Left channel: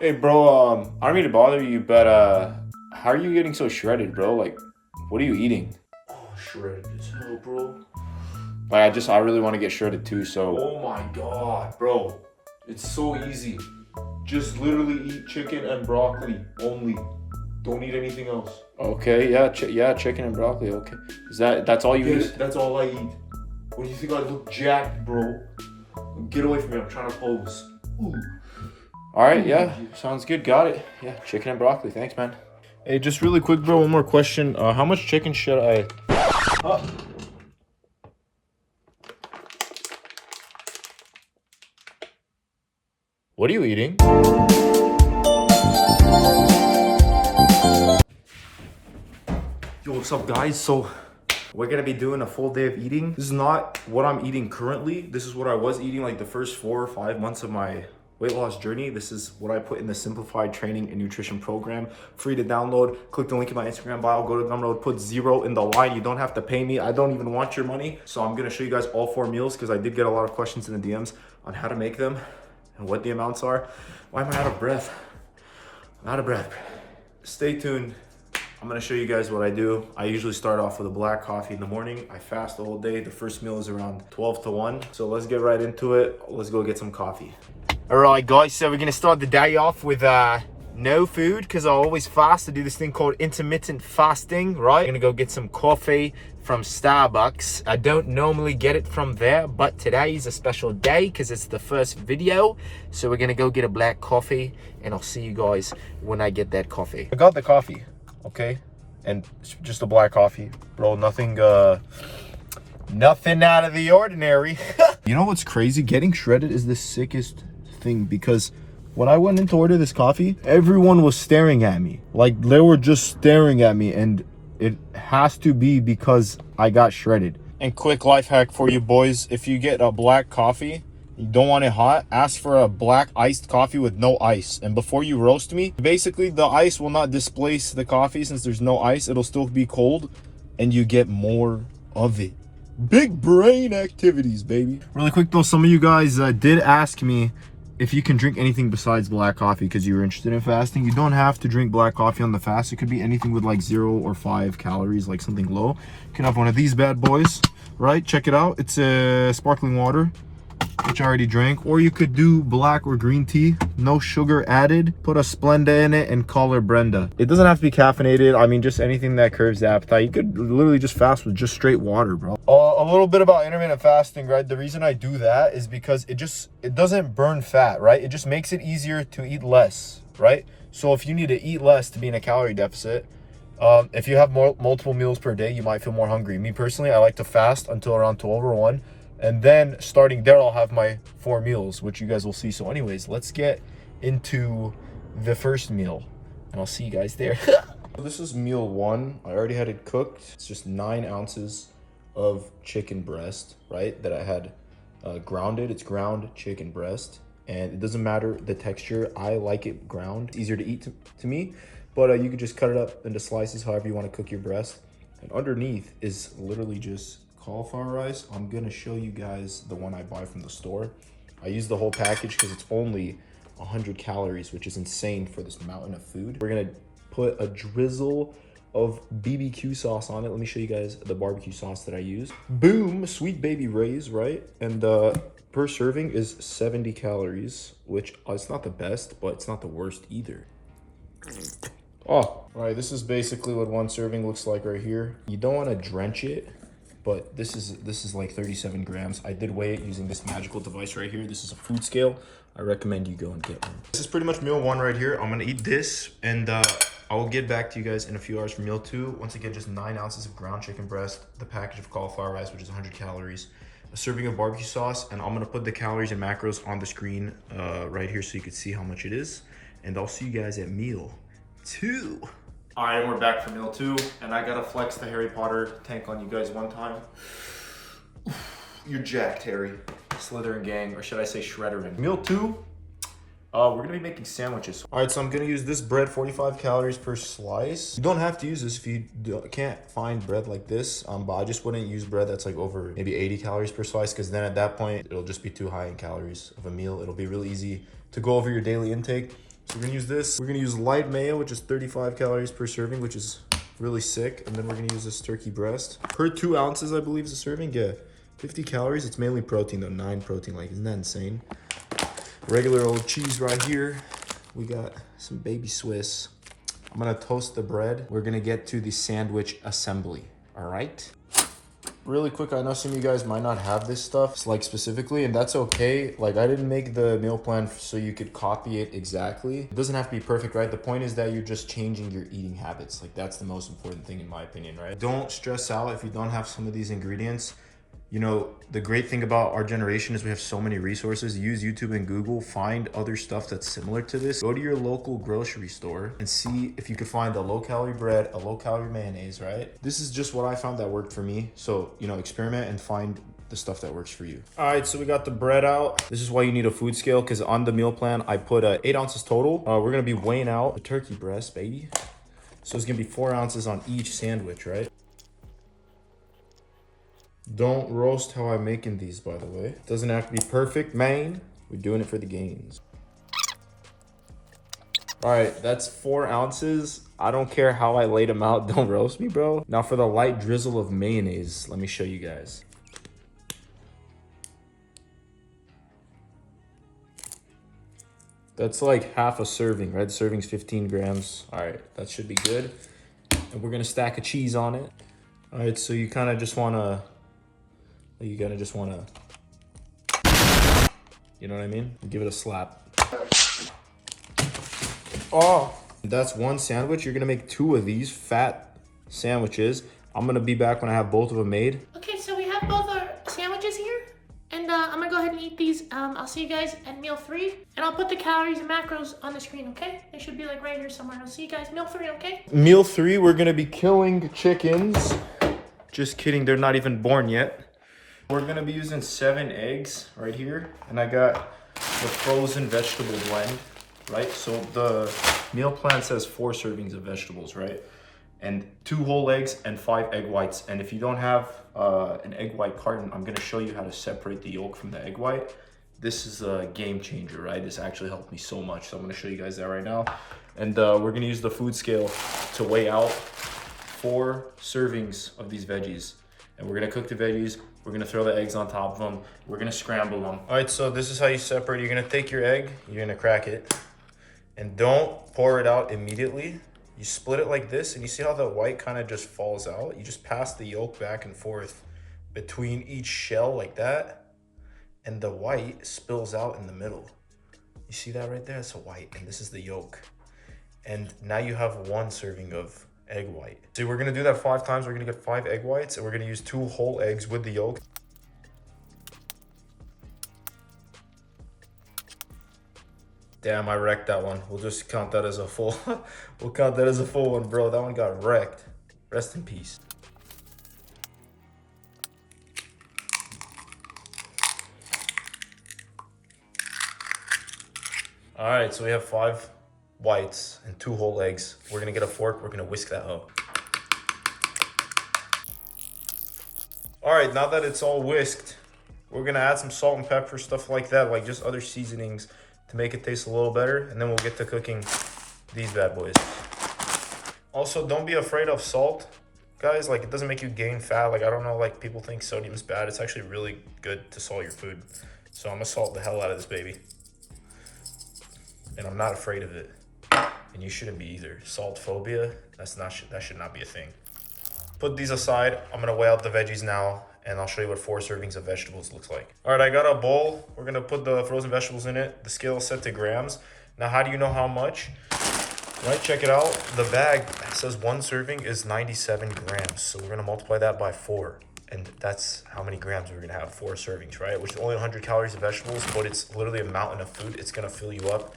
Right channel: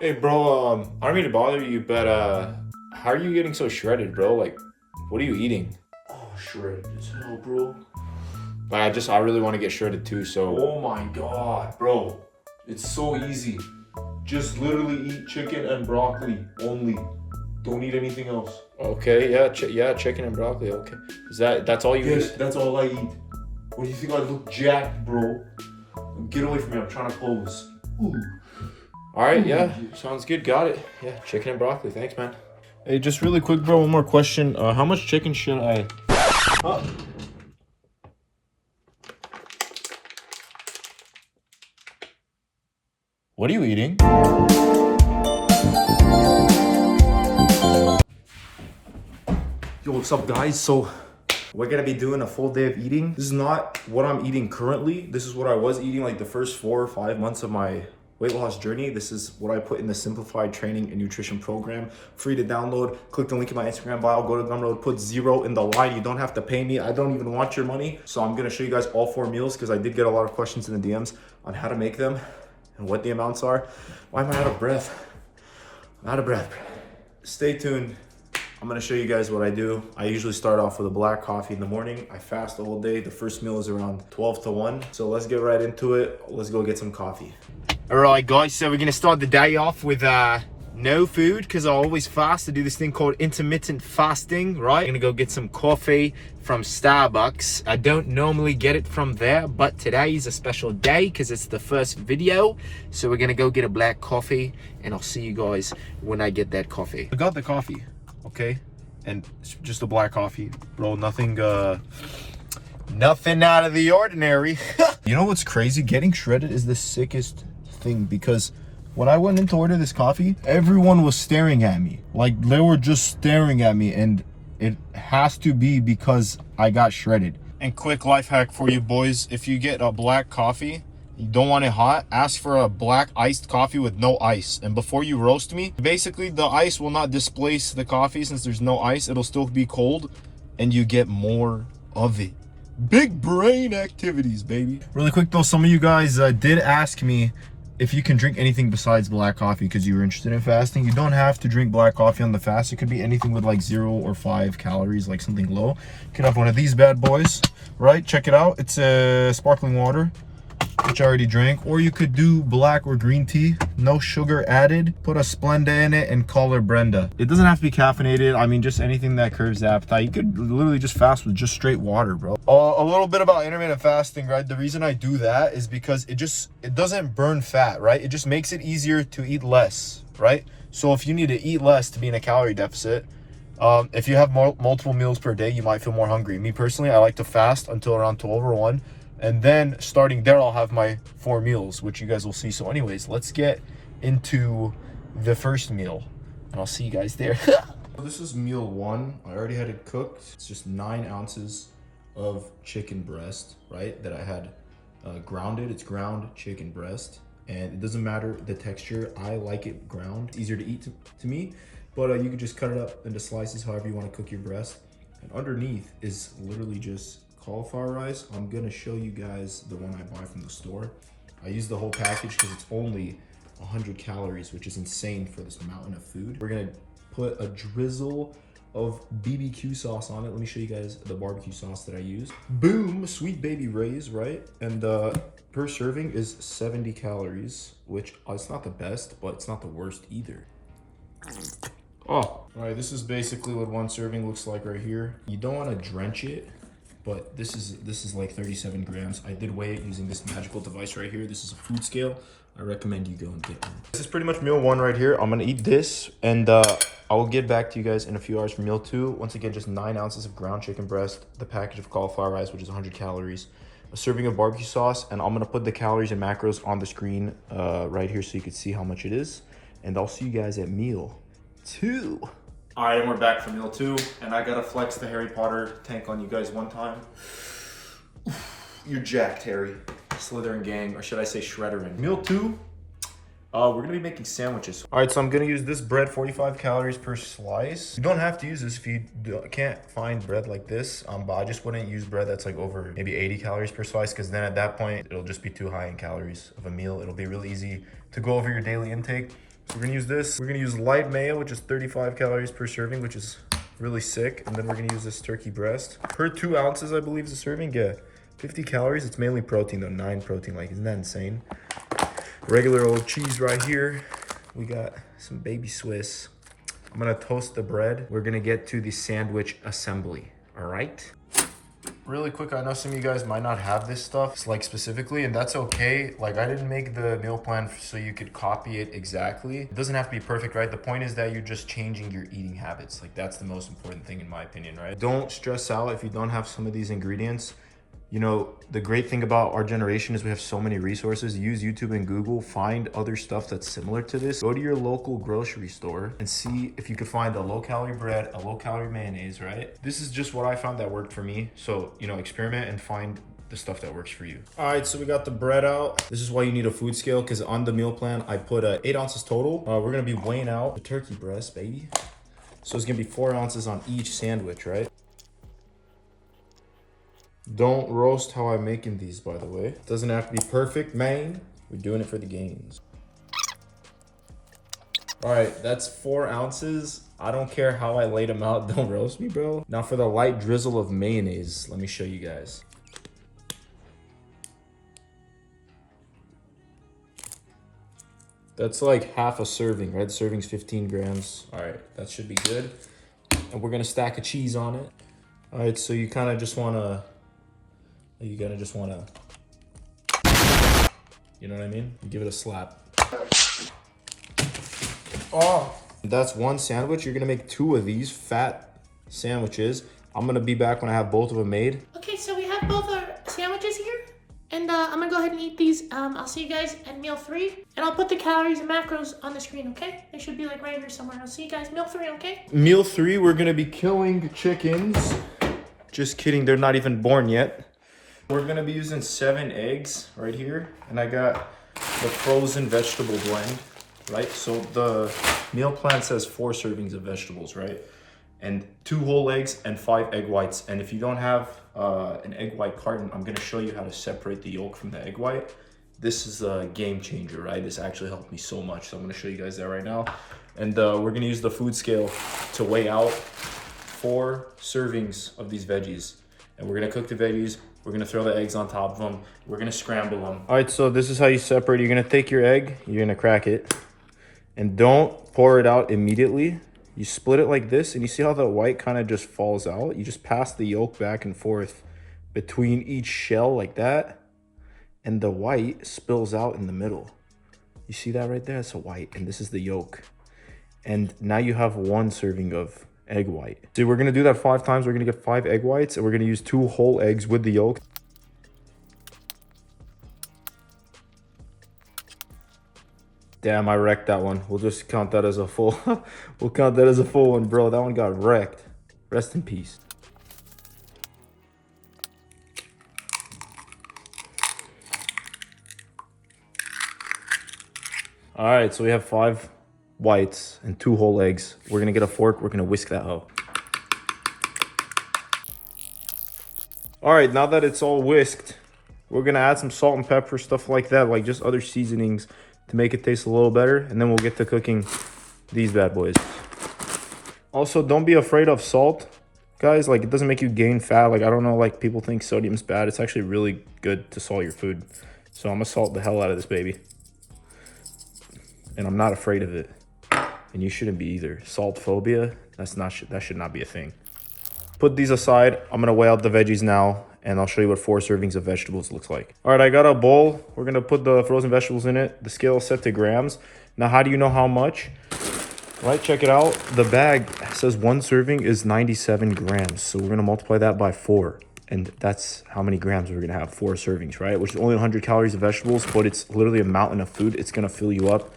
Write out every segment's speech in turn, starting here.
Hey, bro, I don't mean to bother you, but how are you getting so shredded, bro? Like, what are you eating? Oh, shredded as hell, bro. Like, I really want to get shredded too, so. Oh my god, bro. It's so easy. Just literally eat chicken and broccoli only. Don't eat anything else. Okay, yeah, yeah, chicken and broccoli, okay. That's all you Yes, eat? that's all I eat. What do you think I look jacked, bro? Get away from me, I'm trying to pose. Ooh. Alright, yeah, sounds good, got it. Yeah, chicken and broccoli, thanks, man. Hey, just really quick, bro, one more question. How much chicken should I... Huh? What are you eating? Yo, what's up, guys? So we're gonna be doing a full day of eating. This is not what I'm eating currently. This is what I was eating like the first 4 or 5 months of my weight loss journey. This is what I put in the Simplified training and nutrition program. Free to download. Click the link in my Instagram bio. Go to Gumroad. Put 0 in the line. You don't have to pay me. I don't even want your money. So I'm gonna show you guys all 4 meals because I did get a lot of questions in the DMs on how to make them and what the amounts are. Why am I out of breath? I'm out of breath. Stay tuned. I'm gonna show you guys what I do. I usually start off with a black coffee in the morning. I fast the whole day. The first meal is around 12 to 1. So let's get right into it. Let's go get some coffee. All right, guys, so we're gonna start the day off with no food because I always fast. I do this thing called intermittent fasting, right? I'm gonna go get some coffee from Starbucks. I don't normally get it from there, but today is a special day because it's the first video. So we're gonna go get a black coffee and I'll see you guys when I get that coffee. I got the coffee. Okay, and it's just a black coffee, bro. Nothing out of the ordinary. You know what's crazy? Getting shredded is the sickest thing because when I went in to order this coffee, everyone was staring at me. Like, they were just staring at me, and it has to be because I got shredded. And quick life hack for you boys: if you get a black coffee, you don't want it hot, ask for a black iced coffee with no ice. And before you roast me, basically the ice will not displace the coffee since there's no ice. It'll still be cold and you get more of it. Big brain activities, baby. Really quick though, some of you guys did ask me if you can drink anything besides black coffee because you were interested in fasting. You don't have to drink black coffee on the fast. It could be anything with like 0 or 5 calories, like something low. You can have one of these bad boys, right? Check it out. It's a sparkling water, which I already drank, or you could do black or green tea, no sugar added. Put a Splenda in it and call her Brenda. It doesn't have to be caffeinated. I mean, just anything that curbs the appetite. You could literally just fast with just straight water, bro. A little bit about intermittent fasting, right? The reason I do that is because it doesn't burn fat, right? It just makes it easier to eat less, right? So if you need to eat less to be in a calorie deficit, if you have multiple meals per day, you might feel more hungry. Me personally, I like to fast until around 12 or 1. And then starting there, I'll have my 4 meals, which you guys will see. So anyways, let's get into the first meal and I'll see you guys there. This is meal 1. I already had it cooked. It's just 9 ounces of chicken breast, right? That I had grounded. It's ground chicken breast. And it doesn't matter the texture. I like it ground. It's easier to eat to me. But you could just cut it up into slices however you want to cook your breast. And underneath is literally just cauliflower rice. I'm gonna show you guys the one I buy from the store. I use the whole package because it's only 100 calories, which is insane for this mountain of food. We're gonna put a drizzle of BBQ sauce on it. Let me show you guys the barbecue sauce that I use. Boom, Sweet Baby Ray's, right? And per serving is 70 calories, which it's not the best, but it's not the worst either. Oh, all right, this is basically what one serving looks like right here. You don't want to drench it, but this is like 37 grams. I did weigh it using this magical device right here. This is a food scale. I recommend you go and get one. This is pretty much meal 1 right here. I'm gonna eat this and I will get back to you guys in a few hours for meal 2. Once again, just 9 ounces of ground chicken breast, the package of cauliflower rice, which is 100 calories, a serving of barbecue sauce, and I'm gonna put the calories and macros on the screen right here so you can see how much it is. And I'll see you guys at meal 2. All right, and we're back for meal 2, and I gotta flex the Harry Potter tank on you guys one time. You're jacked, Harry. Slytherin gang, or should I say Shredderin. Meal 2, we're gonna be making sandwiches. All right, so I'm gonna use this bread, 45 calories per slice. You don't have to use this if you can't find bread like this, but I just wouldn't use bread that's like over maybe 80 calories per slice, because then at that point, it'll just be too high in calories of a meal. It'll be really easy to go over your daily intake. So we're gonna use this. We're gonna use light mayo, which is 35 calories per serving, which is really sick. And then we're gonna use this turkey breast. Per 2 ounces, I believe, is a serving. Yeah, 50 calories. It's mainly protein though, 9 protein. Like, isn't that insane? Regular old cheese right here. We got some baby Swiss. I'm gonna toast the bread. We're gonna get to the sandwich assembly, all right? Really quick, I know some of you guys might not have this stuff, like specifically, and that's okay. Like, I didn't make the meal plan so you could copy it exactly. It doesn't have to be perfect, right? The point is that you're just changing your eating habits. Like, that's the most important thing in my opinion, right? Don't stress out if you don't have some of these ingredients. You know, the great thing about our generation is we have so many resources. Use YouTube and Google, find other stuff that's similar to this. Go to your local grocery store and see if you could find a low-calorie bread, a low-calorie mayonnaise, right? This is just what I found that worked for me. So, you know, experiment and find the stuff that works for you. All right, so we got the bread out. This is why you need a food scale, because on the meal plan, I put 8 ounces total. We're gonna be weighing out the turkey breast, baby. So it's gonna be 4 ounces on each sandwich, right? Don't roast how I'm making these, by the way. It doesn't have to be perfect, man. We're doing it for the gains. All right, that's 4 ounces. I don't care how I laid them out. Don't roast me, bro. Now for the light drizzle of mayonnaise, let me show you guys. That's like half a serving, right? The serving's 15 grams. All right, that should be good. And we're gonna stack a cheese on it. All right, so you kind of just wanna, you gotta just wanna, you know what I mean? Give it a slap. Oh, that's one sandwich. You're gonna make 2 of these fat sandwiches. I'm gonna be back when I have both of them made. Okay, so we have both our sandwiches here. And I'm gonna go ahead and eat these. I'll see you guys at meal 3. And I'll put the calories and macros on the screen, okay? They should be like right here somewhere. I'll see you guys meal 3, okay? Meal 3, we're gonna be killing chickens. Just kidding, they're not even born yet. We're gonna be using 7 eggs right here. And I got the frozen vegetable blend, right? So the meal plan says 4 servings of vegetables, right? And 2 whole eggs and 5 egg whites. And if you don't have an egg white carton, I'm gonna show you how to separate the yolk from the egg white. This is a game changer, right? This actually helped me so much. So I'm gonna show you guys that right now. And we're gonna use the food scale to weigh out 4 servings of these veggies. And we're gonna cook the veggies. We're gonna throw the eggs on top of them. We're gonna scramble them. All right, so this is how you separate. You're gonna take your egg, you're gonna crack it, and don't pour it out immediately. You split it like this, and you see how the white kind of just falls out? You just pass the yolk back and forth between each shell like that, and the white spills out in the middle. You see that right there? That's a white, and this is the yolk. And now you have 1 serving of egg white. See, we're gonna do that 5 times. We're gonna get 5 egg whites, and we're gonna use 2 whole eggs with the yolk. Damn, I wrecked that one. We'll just count that as a full. We'll count that as a full one, bro. That one got wrecked. Rest in peace. All right, so we have 5 whites and 2 whole eggs. We're gonna get a fork. We're gonna whisk that up. All right, now that it's all whisked, we're gonna add some salt and pepper, stuff like that, like just other seasonings to make it taste a little better, and then we'll get to cooking these bad boys. Also, don't be afraid of salt, guys. Like, it doesn't make you gain fat. Like, I don't know, like, people think sodium's bad. It's actually really good to salt your food. So I'm gonna salt the hell out of this baby. And I'm not afraid of it. And you shouldn't be either. Salt phobia, that should not be a thing. Put these aside. I'm gonna weigh out the veggies now, and I'll show you what 4 servings of vegetables looks like. All right, I got a bowl. We're gonna put the frozen vegetables in it. The scale is set to grams. Now, how do you know how much? Right, check it out. The bag says 1 serving is 97 grams. So we're gonna multiply that by 4. And that's how many grams we're gonna have, 4 servings, right? Which is only 100 calories of vegetables, but it's literally a mountain of food. It's gonna fill you up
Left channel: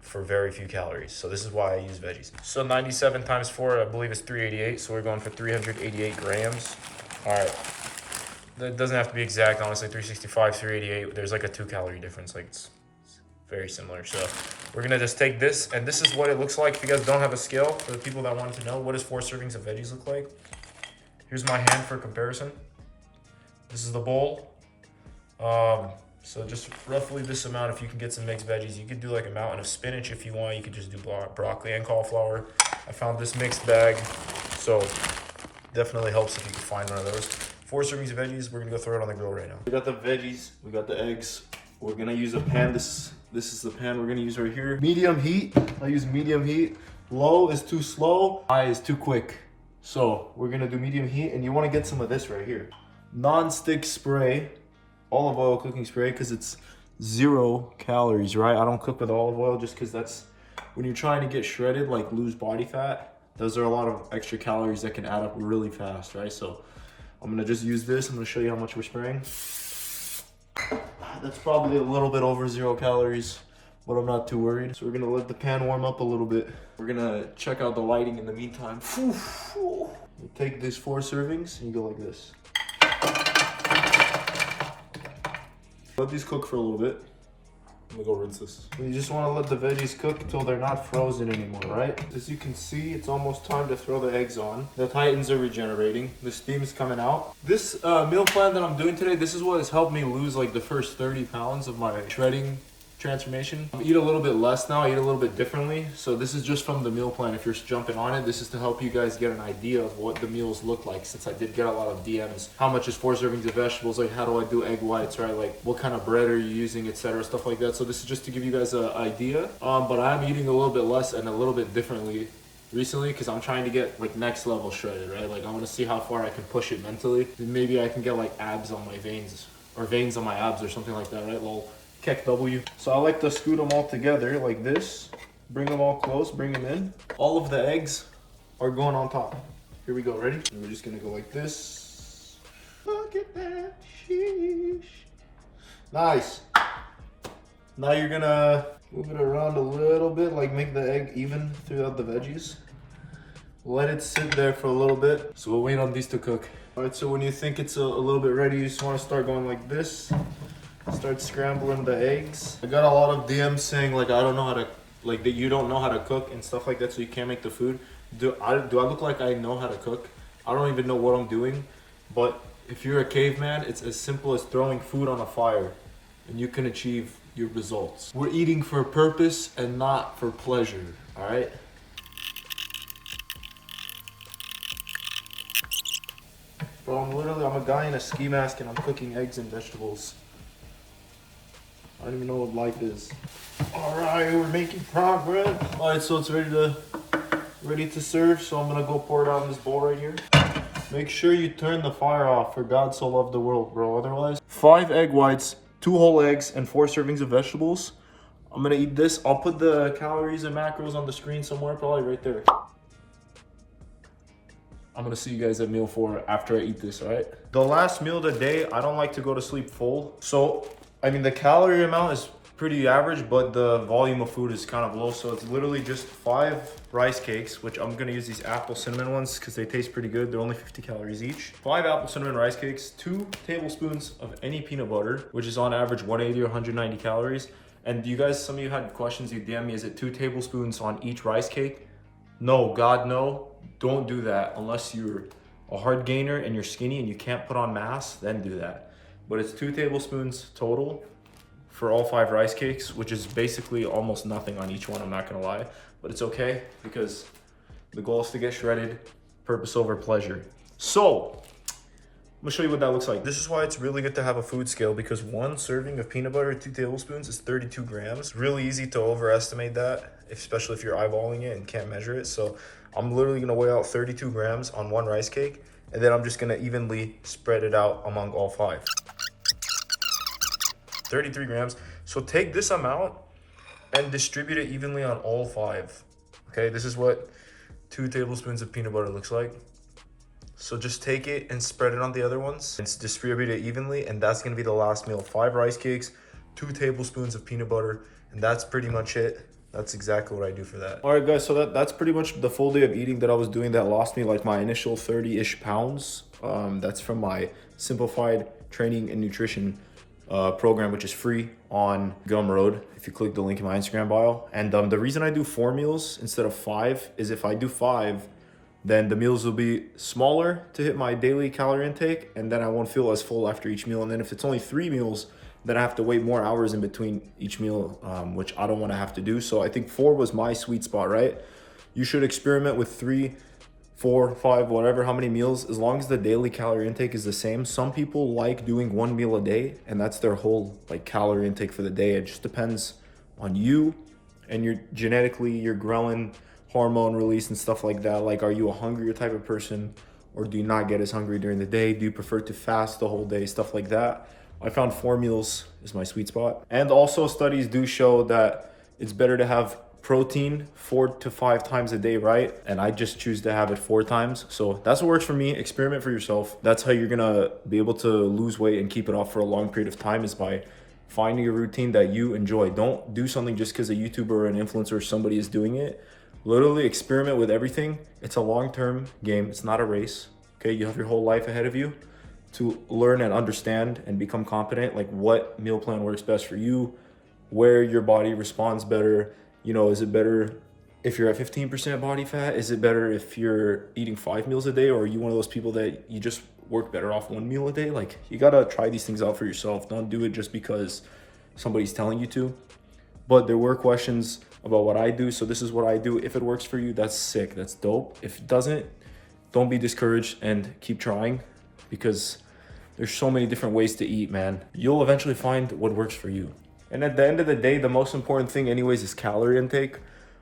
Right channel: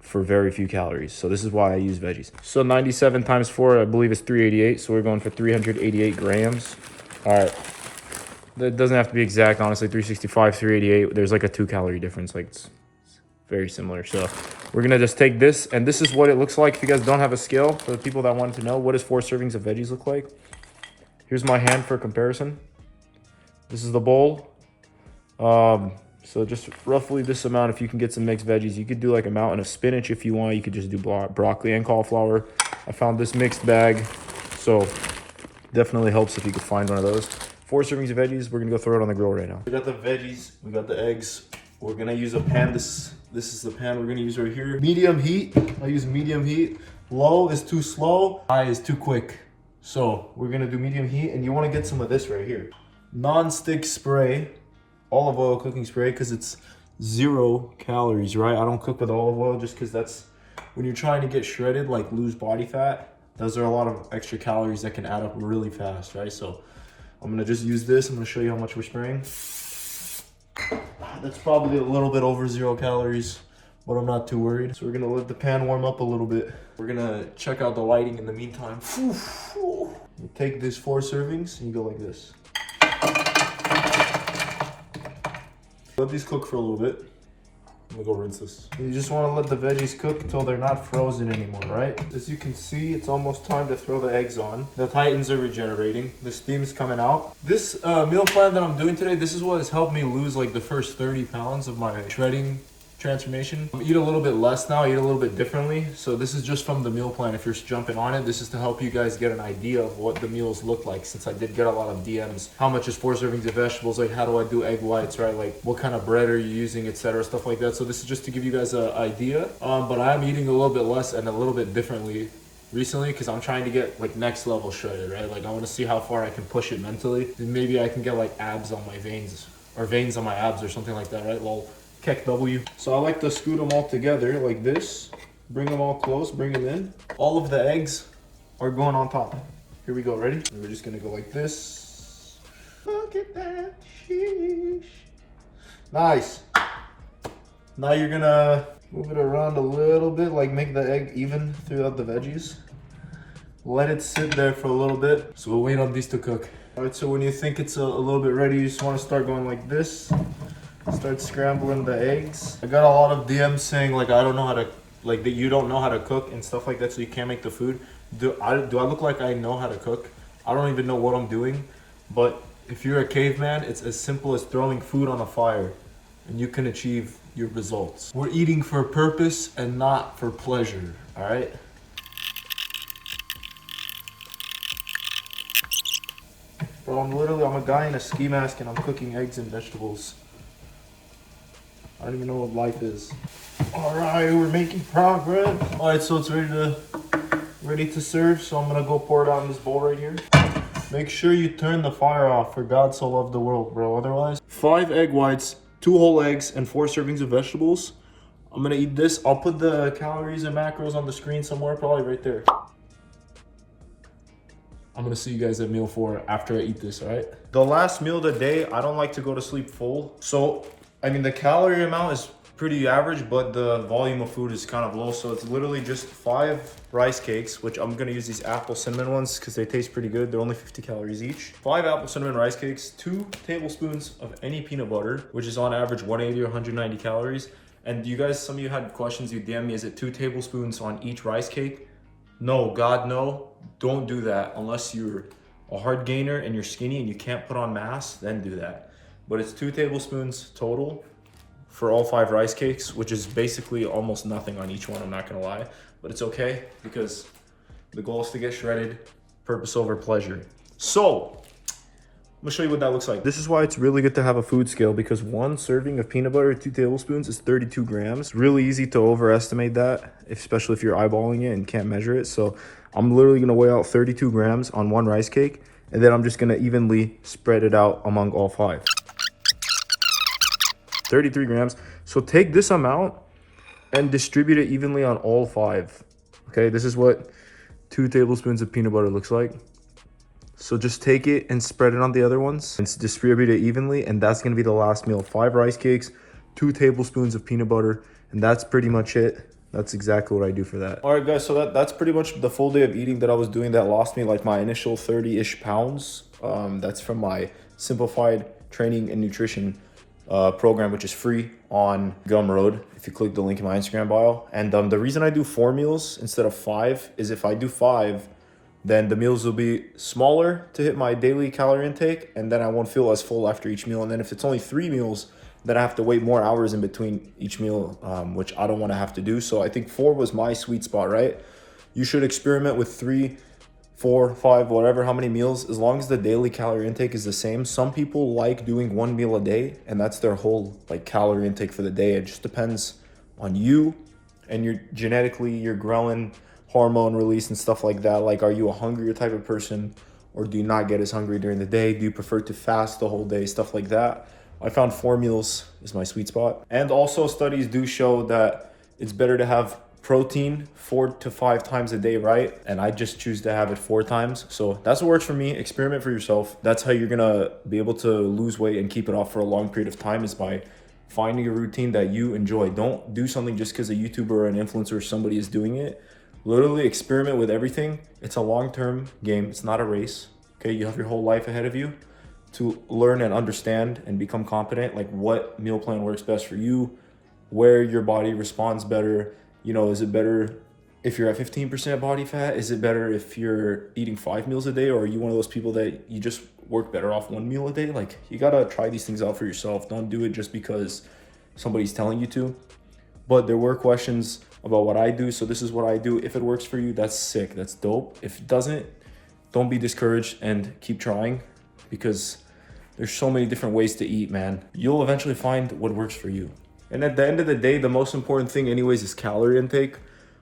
for very few calories. So this is why I use veggies. So 97 times 4, I believe is 388. So we're going for 388 grams. All right. That doesn't have to be exact, honestly. 365, 388. There's like a 2-calorie difference. Like, it's very similar. So we're gonna just take this, and this is what it looks like. If you guys don't have a scale, for the people that wanted to know, what does 4 servings of veggies look like? Here's my hand for comparison. This is the bowl. So just roughly this amount if you can get some mixed veggies. You could do like a mountain of spinach if you want. You could just do broccoli and cauliflower. I found this mixed bag, so definitely helps if you could find one of those. 4 servings of veggies. We're gonna go throw it on the grill right now. We got the veggies, we got the eggs. We're gonna use a pan. This is the pan we're gonna use right here. Medium heat, I use medium heat. Low is too slow, high is too quick. So we're gonna do medium heat, and you wanna get some of this right here. Non-stick spray, olive oil cooking spray, because it's 0 calories, right? I don't cook with olive oil just because that's, when you're trying to get shredded, like lose body fat, those are a lot of extra calories that can add up really fast, right? So I'm gonna just use this. I'm gonna show you how much we're spraying. That's probably a little bit over 0 calories, but I'm not too worried. So we're gonna let the pan warm up a little bit. We're gonna check out the lighting in the meantime. You take these 4 servings and you go like this. Let these cook for a little bit. I'm gonna go rinse this. And you just wanna let the veggies cook until they're not frozen anymore, right? As you can see, it's almost time to throw the eggs on. The titans are regenerating. The steam's coming out. This meal plan that I'm doing today, this is what has helped me lose like the first 30 pounds of my shredding transformation. I eat a little bit less now, I eat a little bit differently. So this is just from the meal plan. If you're jumping on it, this is to help you guys get an idea of what the meals look like, since I did get a lot of DMs. How much is 4 servings of vegetables? Like, how do I do egg whites, right? Like, what kind of bread are you using, etc., stuff like that. So this is just to give you guys an idea. But I'm eating a little bit less and a little bit differently recently because I'm trying to get like next level shredded, right? Like, I want to see how far I can push it mentally. And maybe I can get like abs on my veins, or veins on my abs or something like that, right? Well, Keck W. So I like to scoot them all together like this. Bring them all close, bring them in. All of the eggs are going on top. Here we go, ready? And we're just gonna go like this. Look at that, sheesh. Nice. Now you're gonna move it around a little bit, like make the egg even throughout the veggies. Let it sit there for a little bit. So we'll wait on these to cook. All right, so when you think it's a little bit ready, you just wanna start going like this. Start scrambling the eggs. I got a lot of DMs saying like I don't know how to, like that you don't know how to cook and stuff like that, so you can't make the food. Do I look like I know how to cook? I don't even know what I'm doing. But if you're a caveman, it's as simple as throwing food on a fire and you can achieve your results. We're eating for purpose and not for pleasure, all right? Bro, I'm a guy in a ski mask and I'm cooking eggs and vegetables. I don't even know what life is. All right, we're making progress. All right, so it's ready to serve. So I'm gonna go pour it out in this bowl right here. Make sure you turn the fire off. For God so loved the world, bro. Otherwise, 5 egg whites, 2 whole eggs, and 4 servings of vegetables. I'm gonna eat this. I'll put the calories and macros on the screen somewhere, probably right there. I'm gonna see you guys at meal 4 after I eat this, all right? The last meal of the day, I don't like to go to sleep full. So, I mean, the calorie amount is pretty average, but the volume of food is kind of low. So it's literally just 5 rice cakes, which I'm gonna use these apple cinnamon ones because they taste pretty good. They're only 50 calories each. 5 apple cinnamon rice cakes, 2 tablespoons of any peanut butter, which is on average 180 or 190 calories. And you guys, some of you had questions, you DM me, is it 2 tablespoons on each rice cake? No, God, no. Don't do that unless you're a hard gainer and you're skinny and you can't put on mass, then do that. But it's 2 tablespoons total for all 5 rice cakes, which is basically almost nothing on each one, I'm not gonna lie. But it's okay, because the goal is to get shredded, purpose over pleasure. So, I'm gonna show you what that looks like. This is why it's really good to have a food scale, because 1 serving of peanut butter, 2 tablespoons, is 32 grams. It's really easy to overestimate that, especially if you're eyeballing it and can't measure it. So I'm literally gonna weigh out 32 grams on 1 rice cake, and then I'm just gonna evenly spread it out among all 5. 33 grams. So take this amount and distribute it evenly on all 5. Okay, this is what 2 tablespoons of peanut butter looks like. So just take it and spread it on the other ones and distribute it evenly, and that's gonna be the last meal. 5 rice cakes, 2 tablespoons of peanut butter, and that's pretty much it. That's exactly what I do for that. All right, guys, so that's pretty much the full day of eating that I was doing that lost me like my initial 30-ish pounds. That's from my Simplified training and nutrition program, which is free on Gumroad if you click the link in my Instagram bio. And the reason I do 4 meals instead of 5 is if I do 5, then the meals will be smaller to hit my daily calorie intake, and then I won't feel as full after each meal. And then if it's only 3 meals, then I have to wait more hours in between each meal, which I don't want to have to do. So I think 4 was my sweet spot, right? You should experiment with 3, 4, 5, whatever, how many meals, as long as the daily calorie intake is the same. Some people like doing 1 meal a day, and that's their whole like calorie intake for the day. It just depends on you and your genetically, your ghrelin hormone release and stuff like that. Like, are you a hungrier type of person, or do you not get as hungry during the day? Do you prefer to fast the whole day? Stuff like that. I found 4 meals is my sweet spot. And also studies do show that it's better to have protein 4 to 5 times a day, right? And I just choose to have it 4 times. So that's what works for me. Experiment for yourself. That's how you're gonna be able to lose weight and keep it off for a long period of time, is by finding a routine that you enjoy. Don't do something just because a YouTuber or an influencer or somebody is doing it. Literally experiment with everything. It's a long-term game. It's not a race. Okay, you have your whole life ahead of you to learn and understand and become competent, like what meal plan works best for you, where your body responds better. You know, is it better if you're at 15% body fat? Is it better if you're eating 5 meals a day? Or are you one of those people that you just work better off 1 meal a day? Like, you gotta try these things out for yourself. Don't do it just because somebody's telling you to. But there were questions about what I do, so this is what I do. If it works for you, that's sick, that's dope. If it doesn't, don't be discouraged and keep trying, because there's so many different ways to eat, man. You'll eventually find what works for you. And at the end of the day, the most important thing anyways is calorie intake,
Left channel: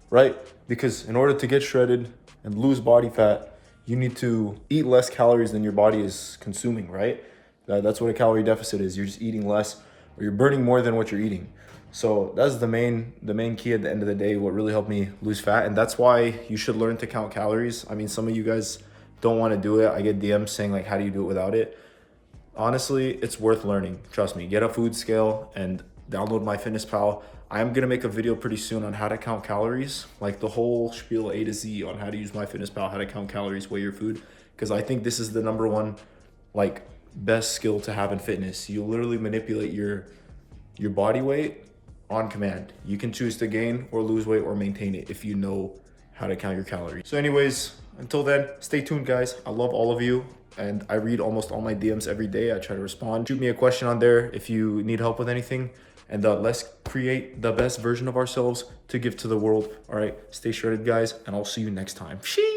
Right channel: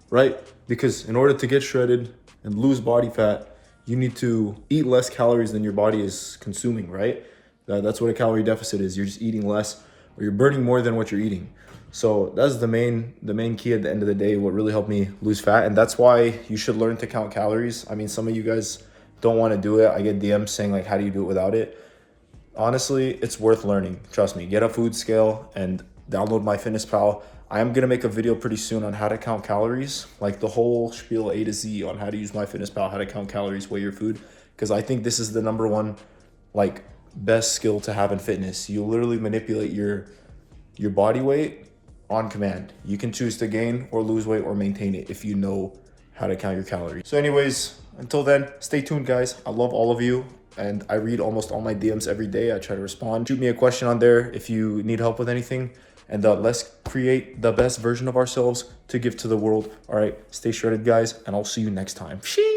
right? Because in order to get shredded and lose body fat, you need to eat less calories than your body is consuming, right? That's what a calorie deficit is. You're just eating less, or you're burning more than what you're eating. So that's the main key at the end of the day, what really helped me lose fat. And that's why you should learn to count calories. I mean, some of you guys don't want to do it. I get DMs saying like, how do you do it without it? Honestly, it's worth learning. Trust me, get a food scale and download MyFitnessPal. I am gonna make a video pretty soon on how to count calories, like the whole spiel A to Z on how to use MyFitnessPal, how to count calories, weigh your food, because I think this is the #1 like best skill to have in fitness. You literally manipulate your body weight on command. You can choose to gain or lose weight or maintain it if you know how to count your calories. So anyways, until then, stay tuned, guys. I love all of you, and I read almost all my DMs every day. I try to respond. Shoot me a question on there if you need help with anything, and let's create the best version of ourselves to give to the world. All right, stay shredded, guys, and I'll see you next time. Sheesh.